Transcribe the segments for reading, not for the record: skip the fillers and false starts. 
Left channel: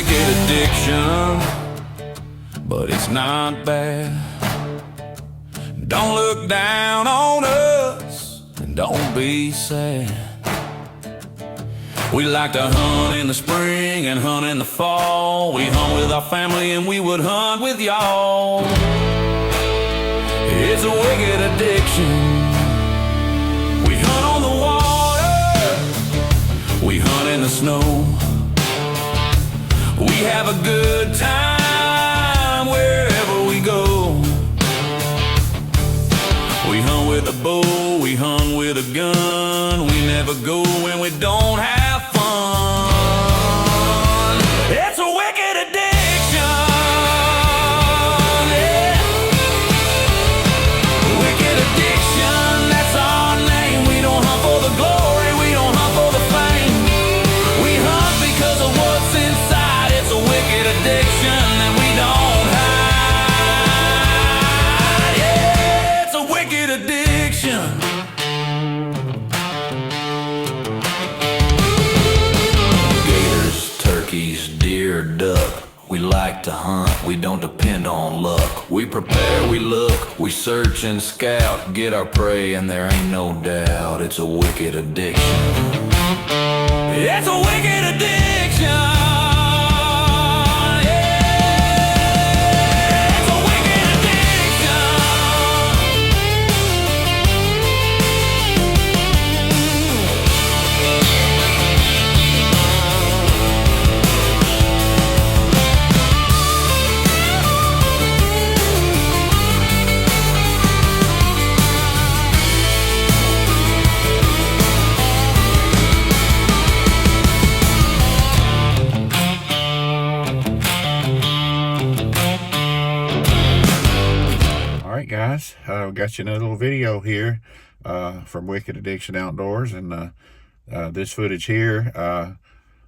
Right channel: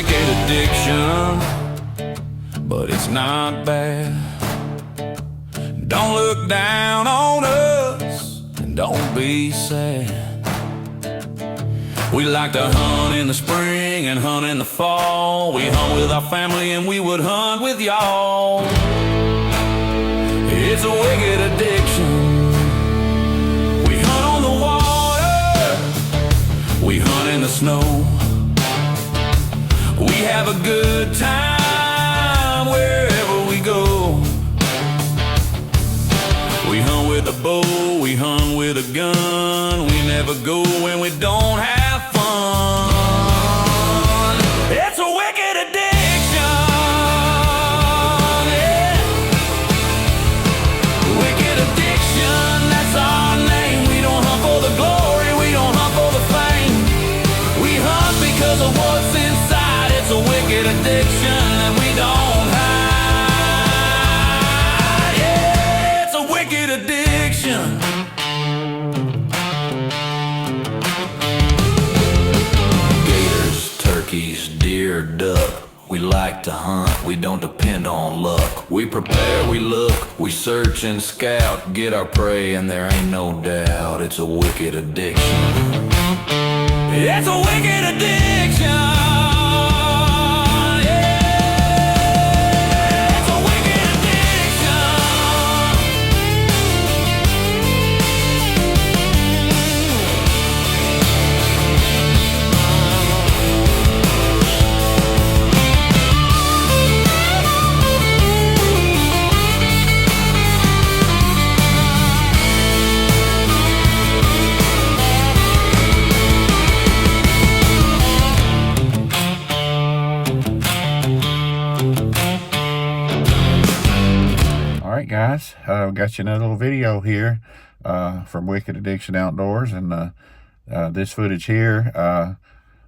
wicked addiction, but it's not bad. Don't look down on us, and don't be sad. We like to hunt in the spring and hunt in the fall. We hunt with our family and we would hunt with y'all. It's a wicked addiction. We hunt on the water, we hunt in the snow. We have a good time wherever we go. We hunt with a bow, we hunt with a gun. We never go when we don't have fun. It's a wicked addiction, yeah. Wicked addiction, that's our name. We don't hunt for the glory, we don't hunt for the fame. We hunt because of what's inside. It's a wicked addiction that we don't hide. Yeah, it's a wicked addiction. Gators, turkeys, deer, duck. We like to hunt, we don't depend on luck. We prepare, we look, we search and scout. Get our prey and there ain't no doubt. It's a wicked addiction. It's a wicked addiction. Guys, got you another little video here from Wicked Addiction Outdoors, and this footage here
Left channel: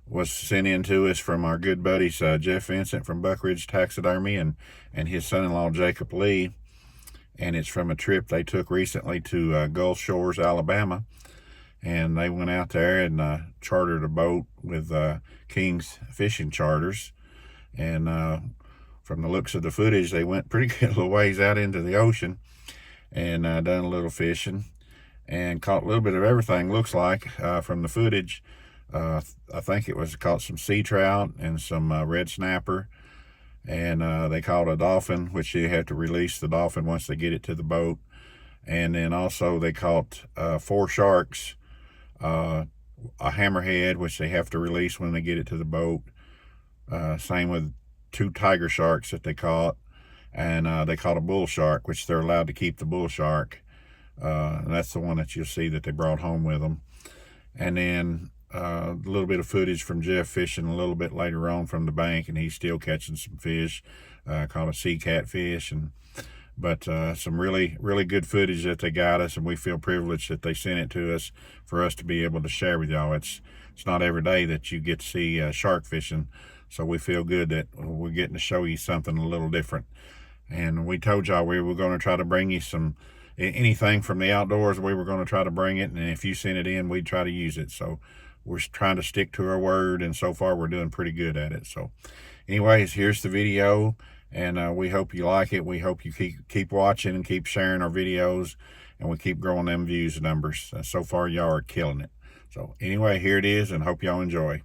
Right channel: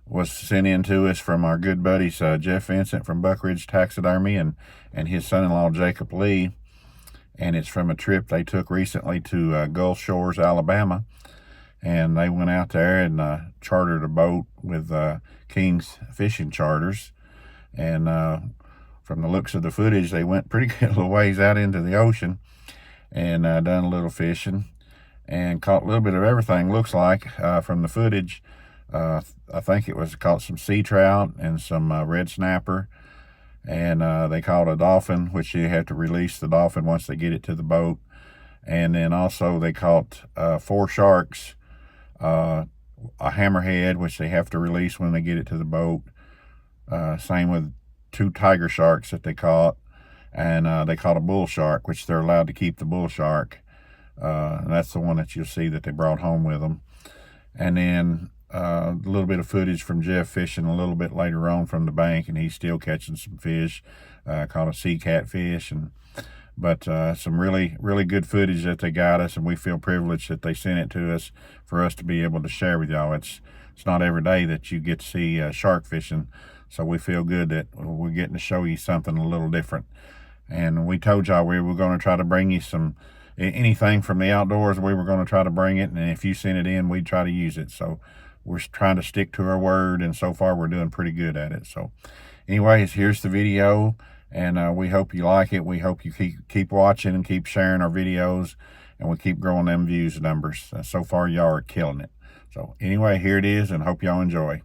was sent in to us from our good buddies Jeff Vincent from Buck Ridge Taxidermy and his son-in-law Jacob Lee, and it's from a trip they took recently to Gulf Shores, Alabama, and they went out there and chartered a boat with King's Fishing Charters, and from the looks of the footage, they went pretty good little ways out into the ocean and done a little fishing and caught a little bit of everything, looks like, from the footage. I think it was caught some sea trout and some red snapper, and they caught a dolphin, which you have to release the dolphin once they get it to the boat. And then also they caught 4 sharks, a hammerhead, which they have to release when they get it to the boat. Same with 2 tiger sharks that they caught, and they caught a bull shark, which they're allowed to keep the bull shark. And that's the one that you'll see that they brought home with them. And then a little bit of footage from Jeff fishing a little bit later on from the bank, and he's still catching some fish. Caught a sea catfish, but some really good footage that they got us, and we feel privileged that they sent it to us for us to be able to share with y'all. It's not every day that you get to see shark fishing. So we feel good that we're getting to show you something a little different. And we told y'all we were going to try to bring you anything from the outdoors. We were going to try to bring it, and if you sent it in, we'd try to use it. So we're trying to stick to our word, and so far we're doing pretty good at it. So anyways, here's the video, and we hope you like it. We hope you keep watching and keep sharing our videos, and we keep growing them views numbers. So far y'all are killing it. So anyway, here it is, and hope y'all enjoy.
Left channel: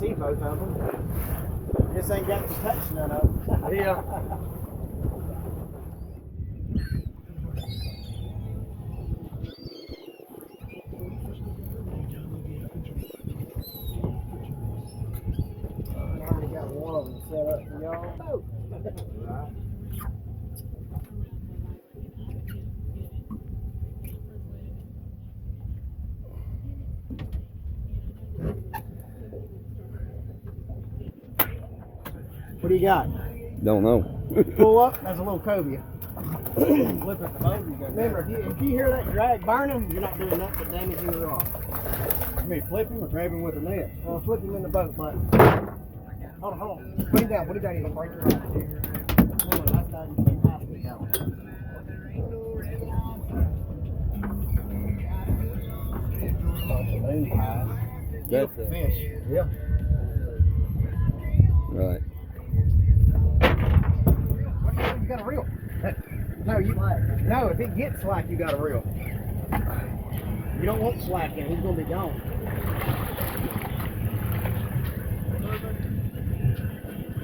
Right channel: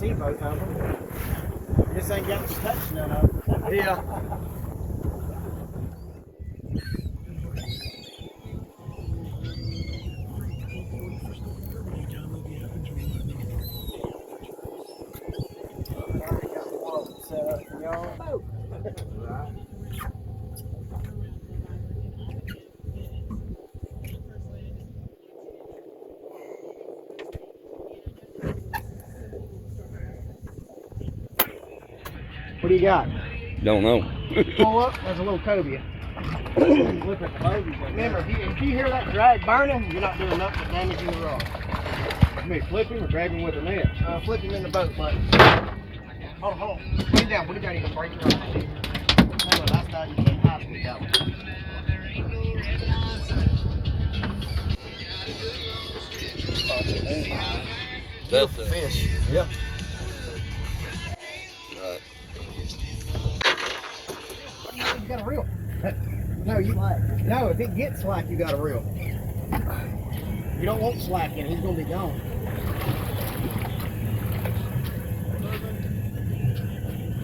see both of them. This ain't got to touch none of them. Yeah. What do you got? Don't know. Pull up, there's a little cobia. Look at the bogies. Remember, if you hear that drag burning, you're not doing nothing but damaging the rod. You mean flip him or grab him with a net? Flip him in the boat, but hold on. Put him down, you're gonna break your rod. Hang on, that's not, you can't hide with that one. That's a fish. Yeah. Right. You got a reel. No, no, if it gets slack, you got a reel. You don't want slack in, he's gonna be gone.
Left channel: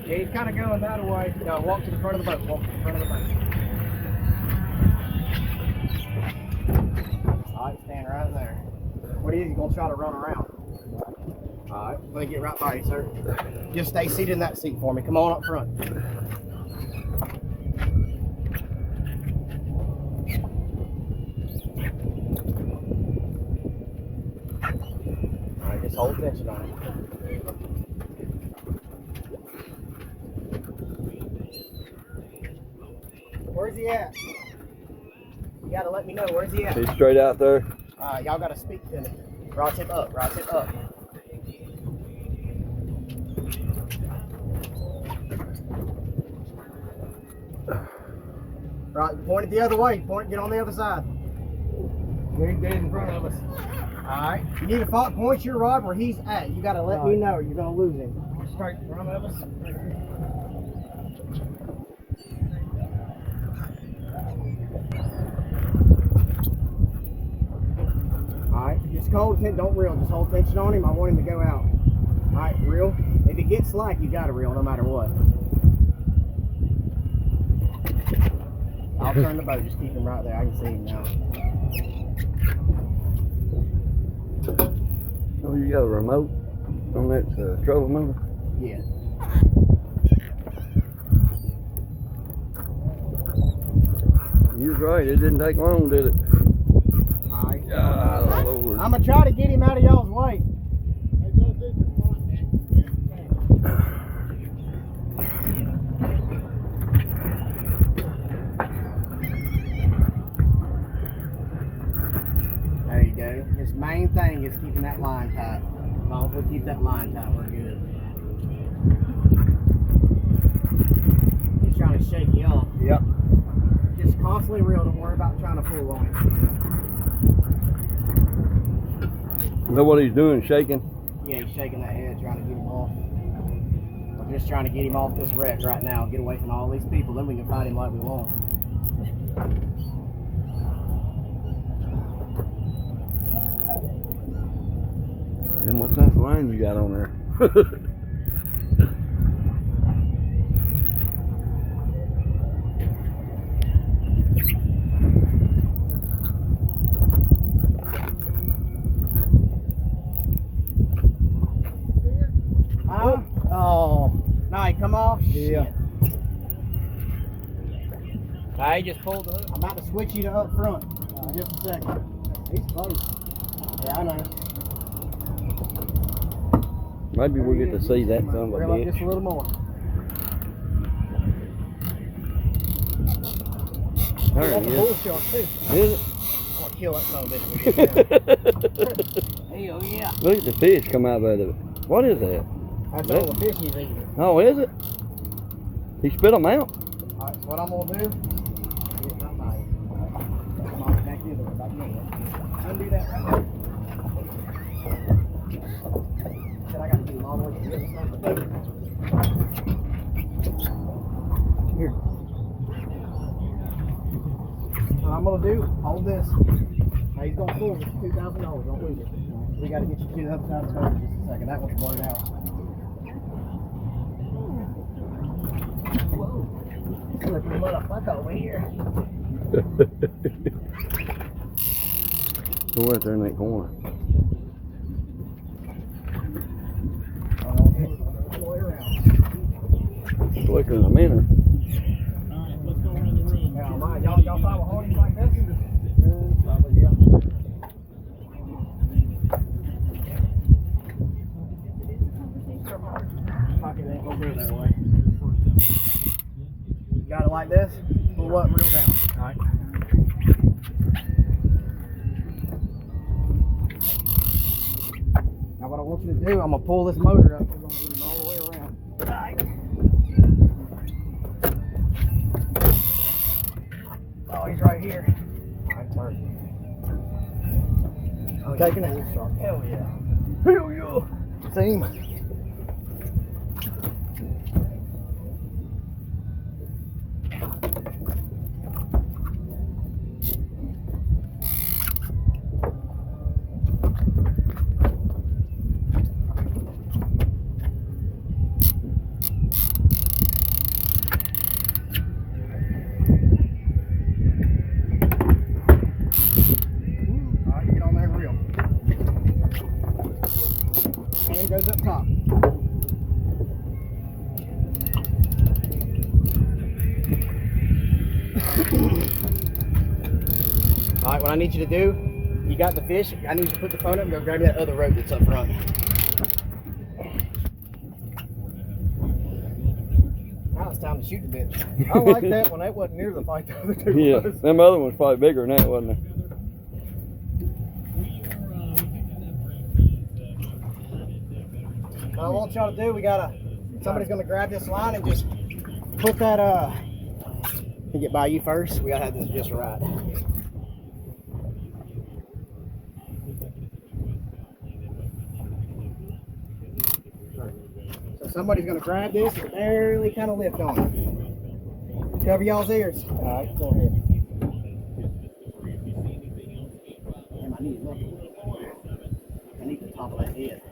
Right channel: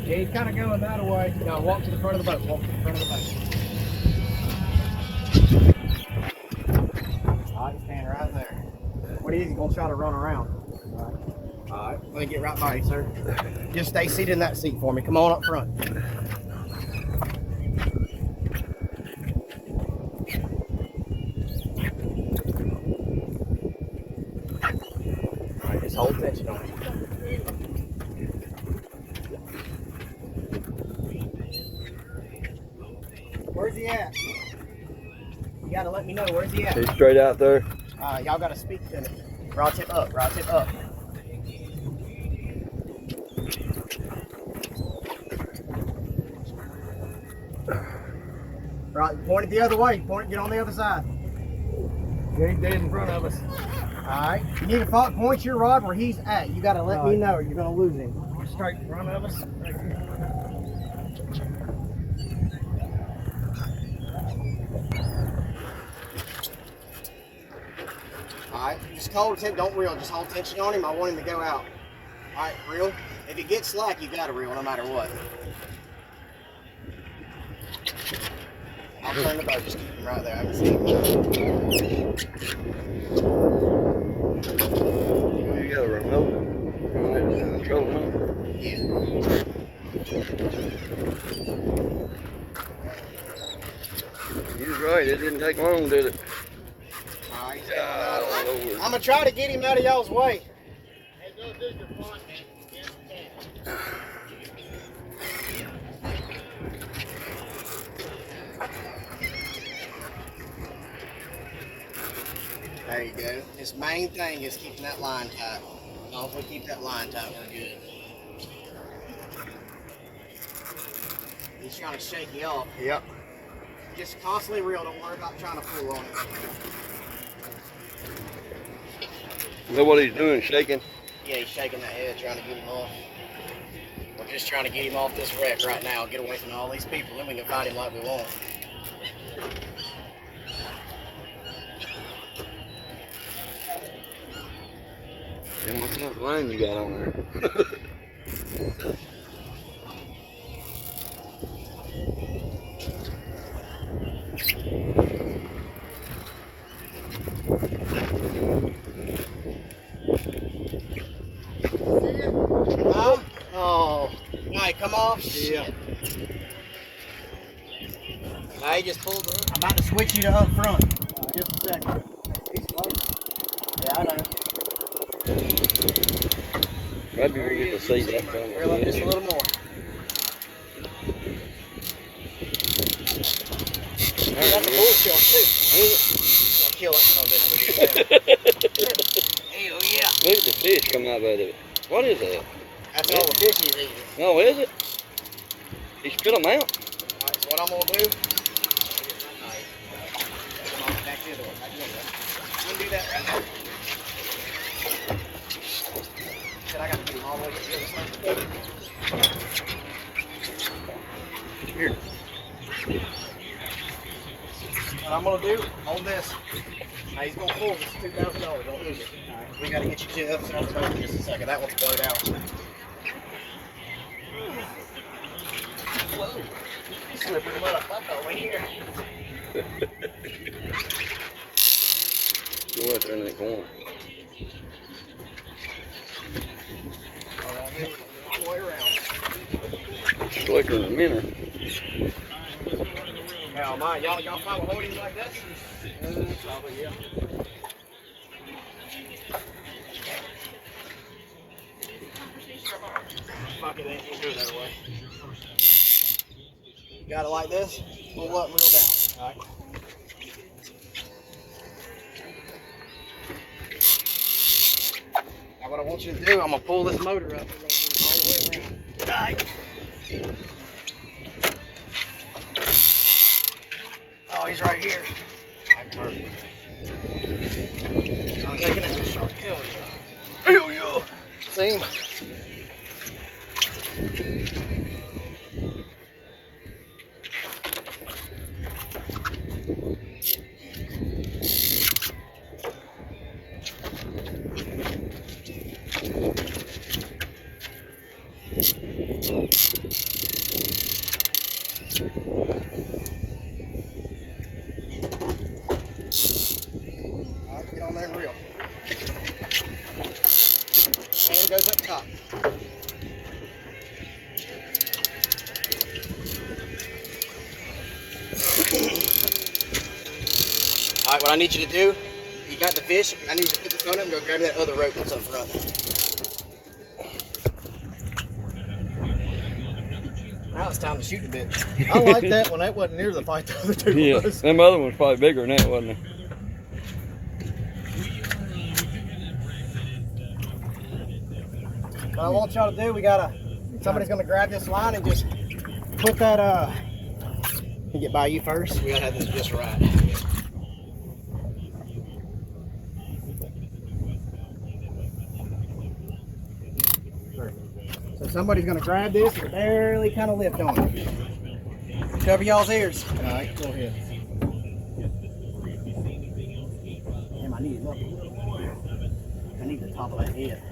Yeah, he's kind of going that way. No, walk to the front of the boat. Walk to the front of the boat. Alright, stand right there. What he is, he's gonna try to run around. Alright, let me get right by you, sir. Just stay seated in that seat for me. Come on up front. Alright, just hold tension on it. Where's he at? You gotta let me know, where's he at? He's straight out there. Y'all gotta speak to me. Rod tip up, rod tip up. Right, point it the other way. Point it, get on the other side. He's dead in front of us. Alright. You need to point your rod where he's at. You gotta let me know or you're gonna lose him. Straight in front of us. Alright, just hold tension, don't reel, just hold tension on him. I want him to go out. Alright, reel. If he gets slack, you gotta reel no matter what. I'll turn the boat, just keep him right there. I can see him. Oh, you got a remote on that trolling number? Yeah. You was right, it didn't take long, did it? Alright. God, Lord. I'm gonna try to get him out of y'all's way. Hey, go do the front, man. Yes, you can. There you go. His main thing is keeping that line tight. As long as we keep that line tight, we're good. He's trying to shake you off. Yep. Just constantly reel. Don't worry about trying to pull on it. Is that what he's doing, shaking? Yeah, he's shaking that head, trying to get him off. We're just trying to get him off this wreck right now. Get away from all these people, then we can fight him like we want. And what type of line you got on there? Huh? Oh. Alright, come off. Yeah. I just pulled him. I'm about to switch you to up front. Just a second. He's close. Yeah, I know. Maybe we get to see that son of a Reel up just a bitch. little more. There That's a he bull is. shark too. Is I'm gonna kill that son of a bitch. Hell yeah. it? Look at the fish come out of it. What is that? That's all the fish he's eating. Oh, is it? He spit them out. Alright, so what I'm gonna do? Come on, back the other way, back the other way. I'm gonna do that right now. Said I gotta get him all the way to the other side of the boat. Here. What I'm gonna do, hold this. Now he's gonna pull this $2,000, don't lose it. Alright, we gotta get you to the other side of the boat in just a second. That one's blowed out. Whoa. Slippery motherfucker over here. Go out there in that corner. All the way around. Slicker in a minute. Hell, my, y'all find with holdings like this? Probably, yeah. Fuck it, ain't gonna go that way. You got it like this? Pull up, reel down. Alright. Now what I want you to do, I'm gonna pull this motor up. We're gonna do it all the way around. Alright. Oh, he's right here. Alright, perfect. I'm taking it. Shark. Hell yeah. Hell yeah. See him? Alright, get on there and reel. Hand goes up top. Alright, what I need you to do, you got the fish, I need you to put the phone up and go grab that other rope that's up front. Now it's time to shoot the bitch. I like that one. That wasn't near the fight the other two Yeah, was. them other ones probably bigger than that, wasn't they? What I want y'all to do, somebody's gonna grab this line and just put that, let me get by you first. We gotta have this just right. So somebody's gonna grab this and barely kind of lift on it. Cover y'all's ears. All right, go ahead. Damn, I need it up. I need the top of that head.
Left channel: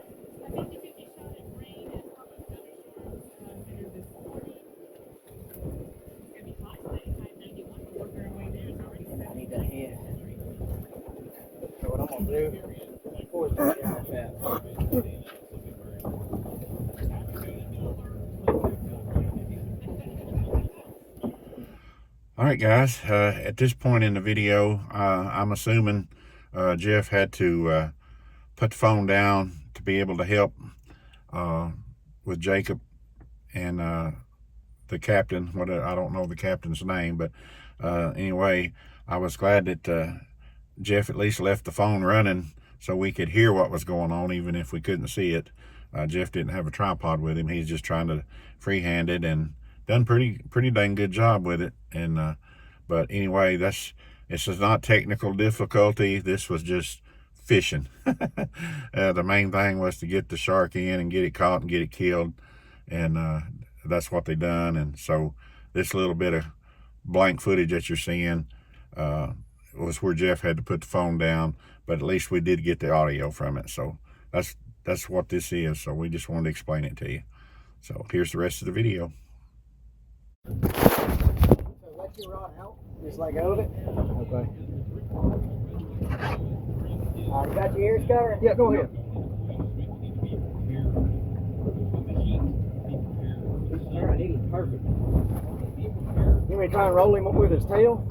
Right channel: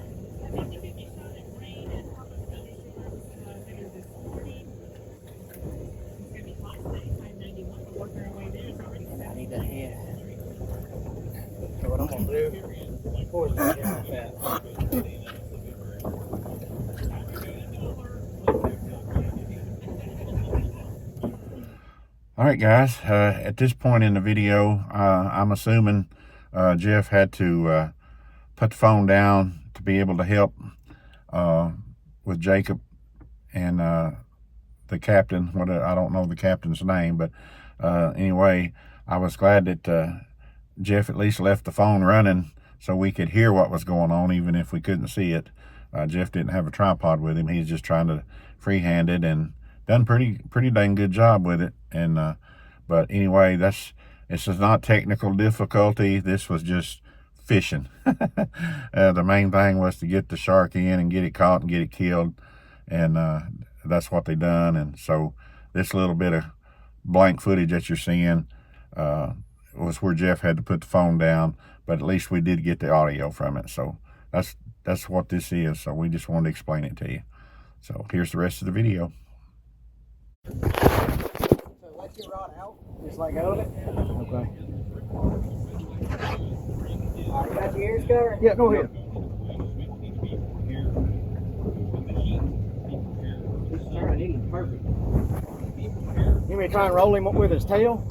I need that head. So what I'm gonna do, of course, I'm gonna get like that. All right, guys, at this point in the video, I'm assuming Jeff had to put the phone down to be able to help with Jacob and the captain. I don't know the captain's name, but anyway, I was glad that Jeff at least left the phone running so we could hear what was going on, even if we couldn't see it. Jeff didn't have a tripod with him. He's just trying to freehand it and done pretty dang good job with it. And but anyway, this is not technical difficulty. This was just fishing. The main thing was to get the shark in and get it caught and get it killed, and that's what they done. And so this little bit of blank footage that you're seeing was where Jeff had to put the phone down, but at least we did get the audio from it. So that's what this is. So we just wanted to explain it to you. So here's the rest of the video. So let your rod out, just let go of it. Okay. Alright, you got your ears covered? Yeah, go ahead. Alright, he's perfect. You may try and roll him up with his tail?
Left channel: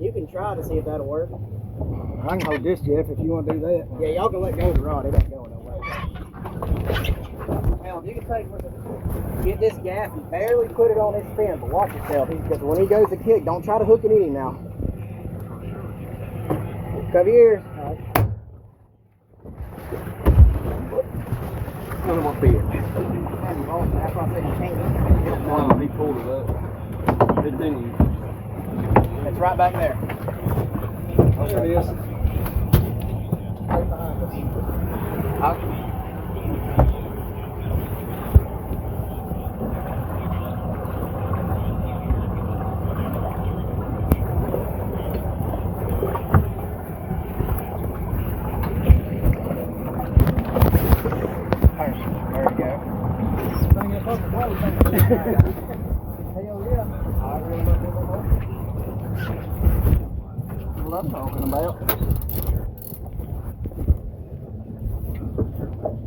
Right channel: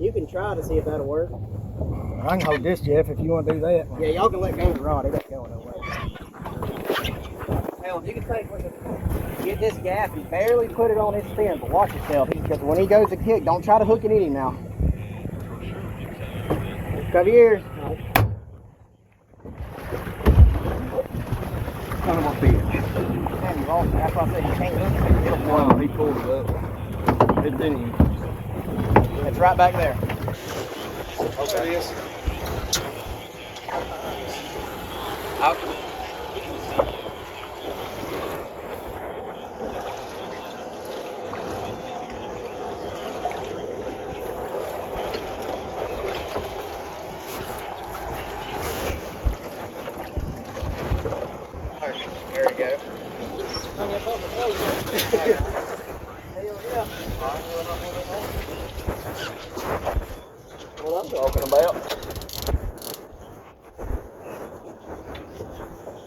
You can try to see if that'll work. I can hold this, Jeff, if you want to do that. Yeah, y'all can let go of the rod. It ain't going nowhere. Hell, you can take with it. Get this gaff and barely put it on his fin, but watch yourself. Because when he goes to kick, don't try to hook it in him now. Cover your ears. Kind of my feet. That's why I said you can't. Well, he pulled it up. It didn't. It's right back there. Okay. It is. There we go. yeah. What I'm talking about.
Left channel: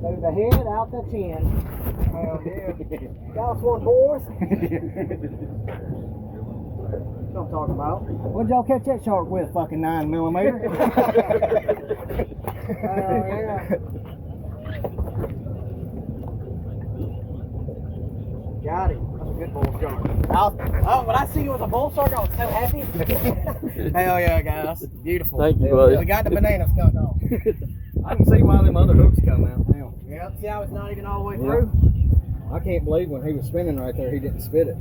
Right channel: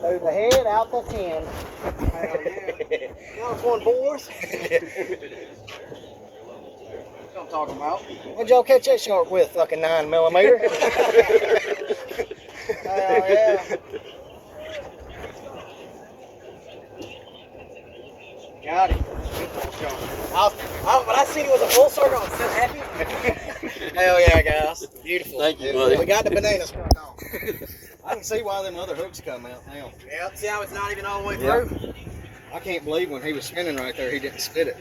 Through the head, out the tin. Hell yeah. Got us one, boys. What I'm talking about. When'd y'all catch that shark with? Fucking 9mm. Yeah. Got him. When I seen it was a bull shark, I was so happy. Hell yeah, guys. Beautiful. Thank you, buddy. We got the bananas cut off. I can see why them other hooks come out now. Yeah, see how it's not even all the way through? I can't believe when he was spinning right there, he didn't spit it.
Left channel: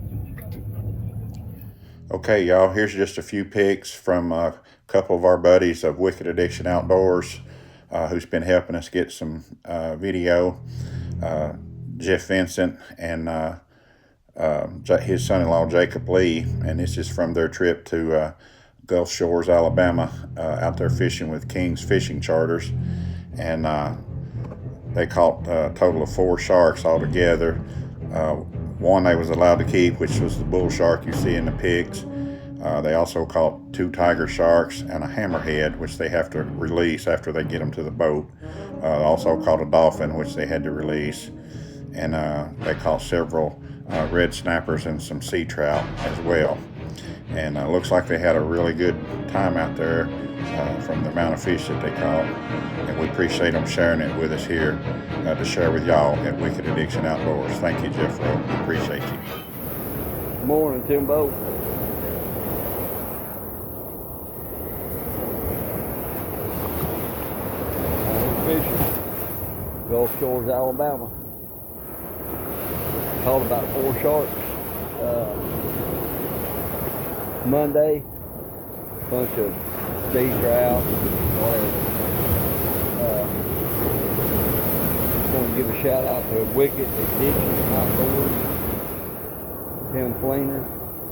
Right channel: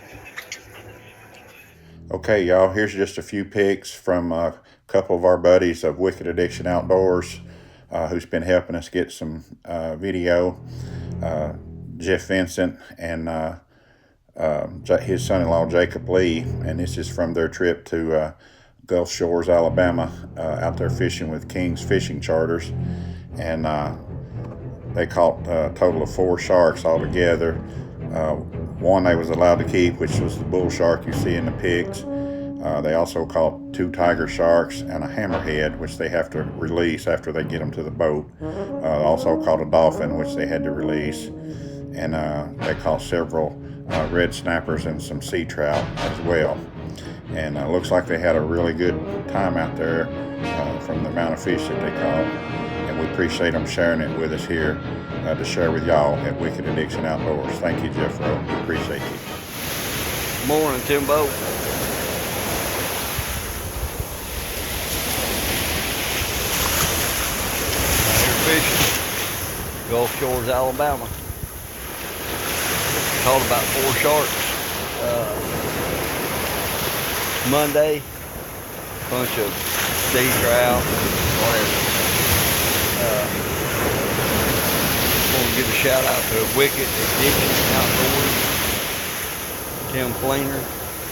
Okay, y'all, here's just a few pics from a couple of our buddies of Wicked Addiction Outdoors who's been helping us get some video. Jeff Vincent and his son-in-law Jacob Lee, and this is from their trip to Gulf Shores, Alabama, out there fishing with King's Fishing Charters, and they caught a total of 4 sharks altogether. One they was allowed to keep, which was the bull shark you see in the pics. They also caught 2 tiger sharks and a hammerhead, which they have to release after they get them to the boat. Also caught a dolphin, which they had to release, and they caught several red snappers and some sea trout as well. And looks like they had a really good time out there from the amount of fish that they caught. And we appreciate them sharing it with us here to share with y'all at Wicked Addiction Outdoors. Thank you, Jeff Rowe. We appreciate you. Morning, Timbo. Fishing, Gulf Shores, Alabama. Caught about 4 sharks Monday. Bunch of sea trout, whatever. Want to give a shout out to Wicked Addiction Outdoors, Tim Fleener,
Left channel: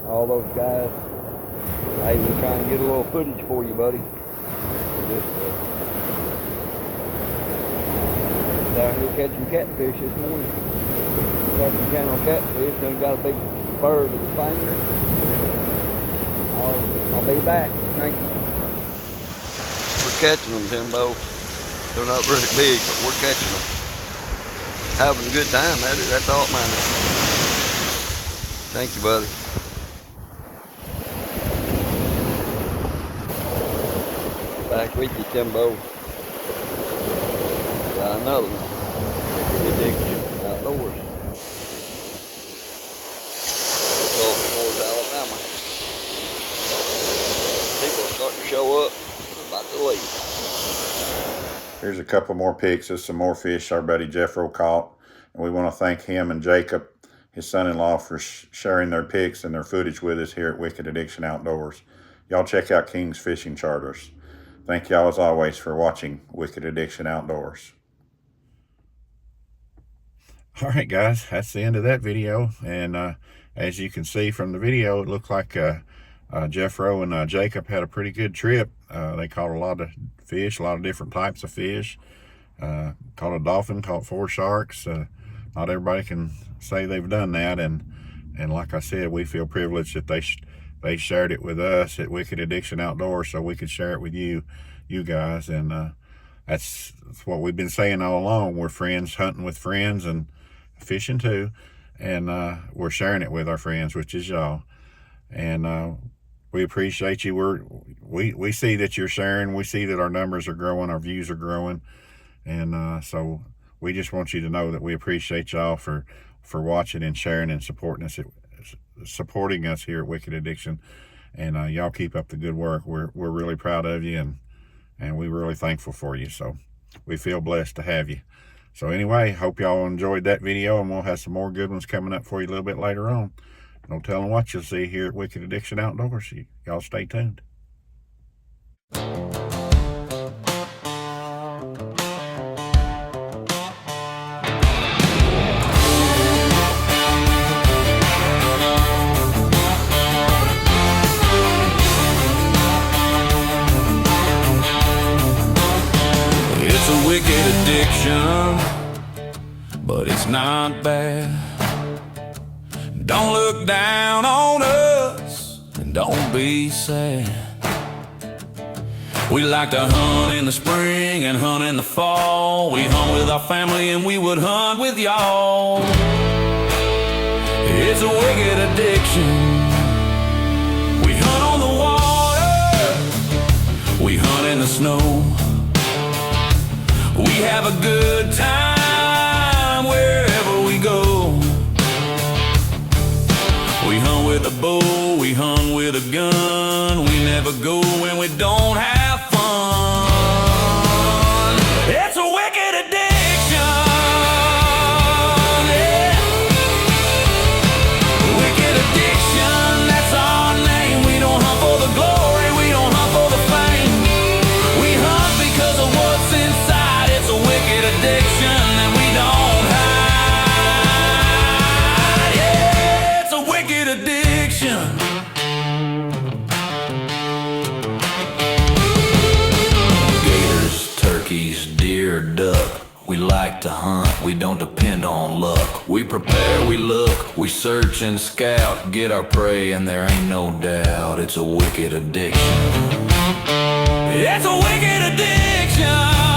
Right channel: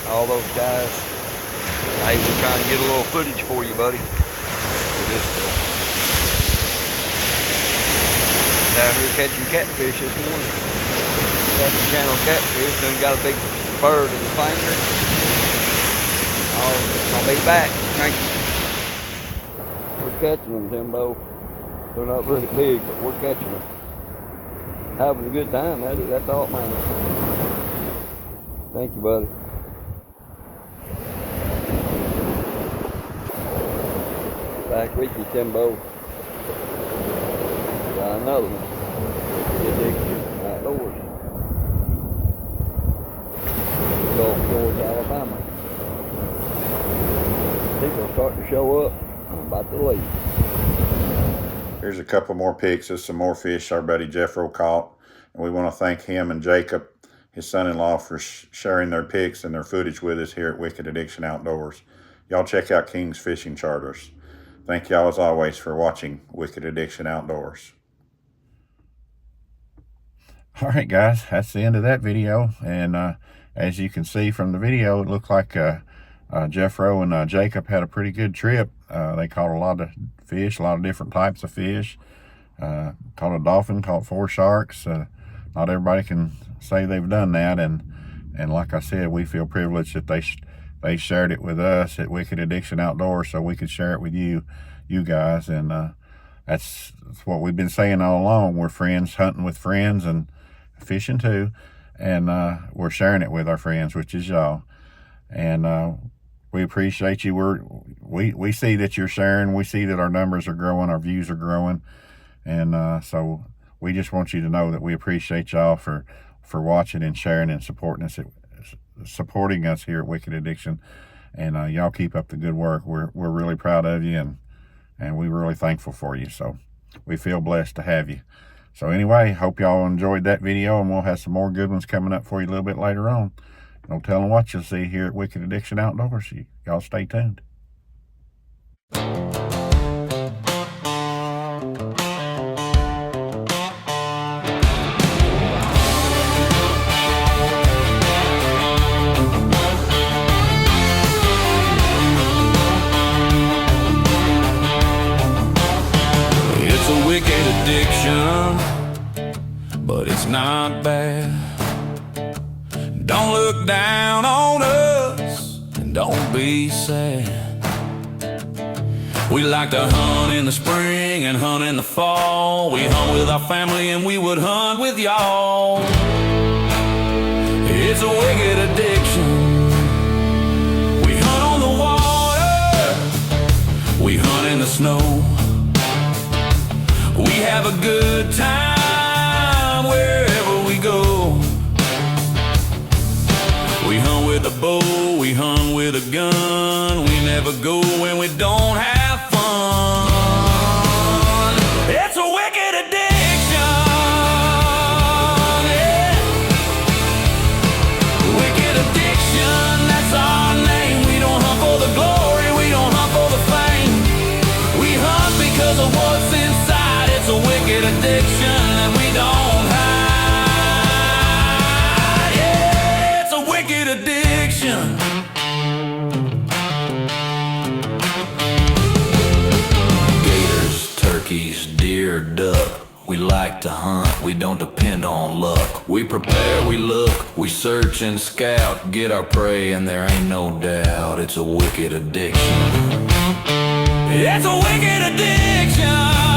all those guys. Hey, we're trying to get a little footage for you, buddy. Down here catching catfish this morning. Catching channel catfish, done got a big bird in the finger. I'll be back. Thank you. We're catching them, Timbo. They're not really big, but we're catching them. Having a good time at it, that's all that matters. Thank you, buddy. Back with you, Timbo. Got another one. Wicked Addiction Outdoors. Gulf Shores, Alabama. People are starting to show up. I'm about to leave. Here's a couple more pics of some more fish our buddy Jeff Rowe caught. And we want to thank him and Jacob, his son-in-law, for sharing their pics and their footage with us here at Wicked Addiction Outdoors. Y'all check out King's Fishing Charters. Thank y'all as always for watching Wicked Addiction Outdoors. All right, guys, that's the end of that video. And as you can see from the video, it looked like Jeff Rowe and Jacob had a pretty good trip. They caught a lot of fish, a lot of different types of fish. Caught a dolphin, caught 4 sharks. Not everybody can say they've done that, and like I said, we feel privileged that they shared it with us at Wicked Addiction Outdoors, so we could share it with you guys. And that's what we've been saying all along. We're friends hunting with friends and fishing too, and we're sharing it with our friends, which is y'all. And we appreciate you. We see that you're sharing. We see that our numbers are growing, our views are growing, and so we just want you to know that we appreciate y'all for watching and sharing and supporting us here at Wicked Addiction. And y'all keep up the good work. We're really proud of you, and we're really thankful for you. So we feel blessed to have you. So anyway, hope y'all enjoyed that video, and we'll have some more good ones coming up for you a little bit later on. No telling what you'll see here at Wicked Addiction Outdoors. Y'all stay tuned. It's a wicked addiction, but it's not bad. Don't look down on us, and don't be sad. We like to hunt in the spring and hunt in the fall. We hunt with our family and we would hunt with y'all. It's a wicked addiction. We hunt on the water, we hunt in the snow. We have a good time wherever we go. We hunt with a bow, we hunt with a gun. We never go when we don't have fun. It's a wicked addiction, yeah. Wicked addiction, that's our name. We don't hunt for the glory, we don't hunt for the fame. We hunt because of what's inside. It's a wicked addiction that we don't hide. Yeah, it's a wicked addiction. Gators, turkeys, deer, duck. We like to hunt, we don't depend on luck. We prepare, we look, we search and scout. Get our prey and there ain't no doubt. It's a wicked addiction. It's a wicked addiction.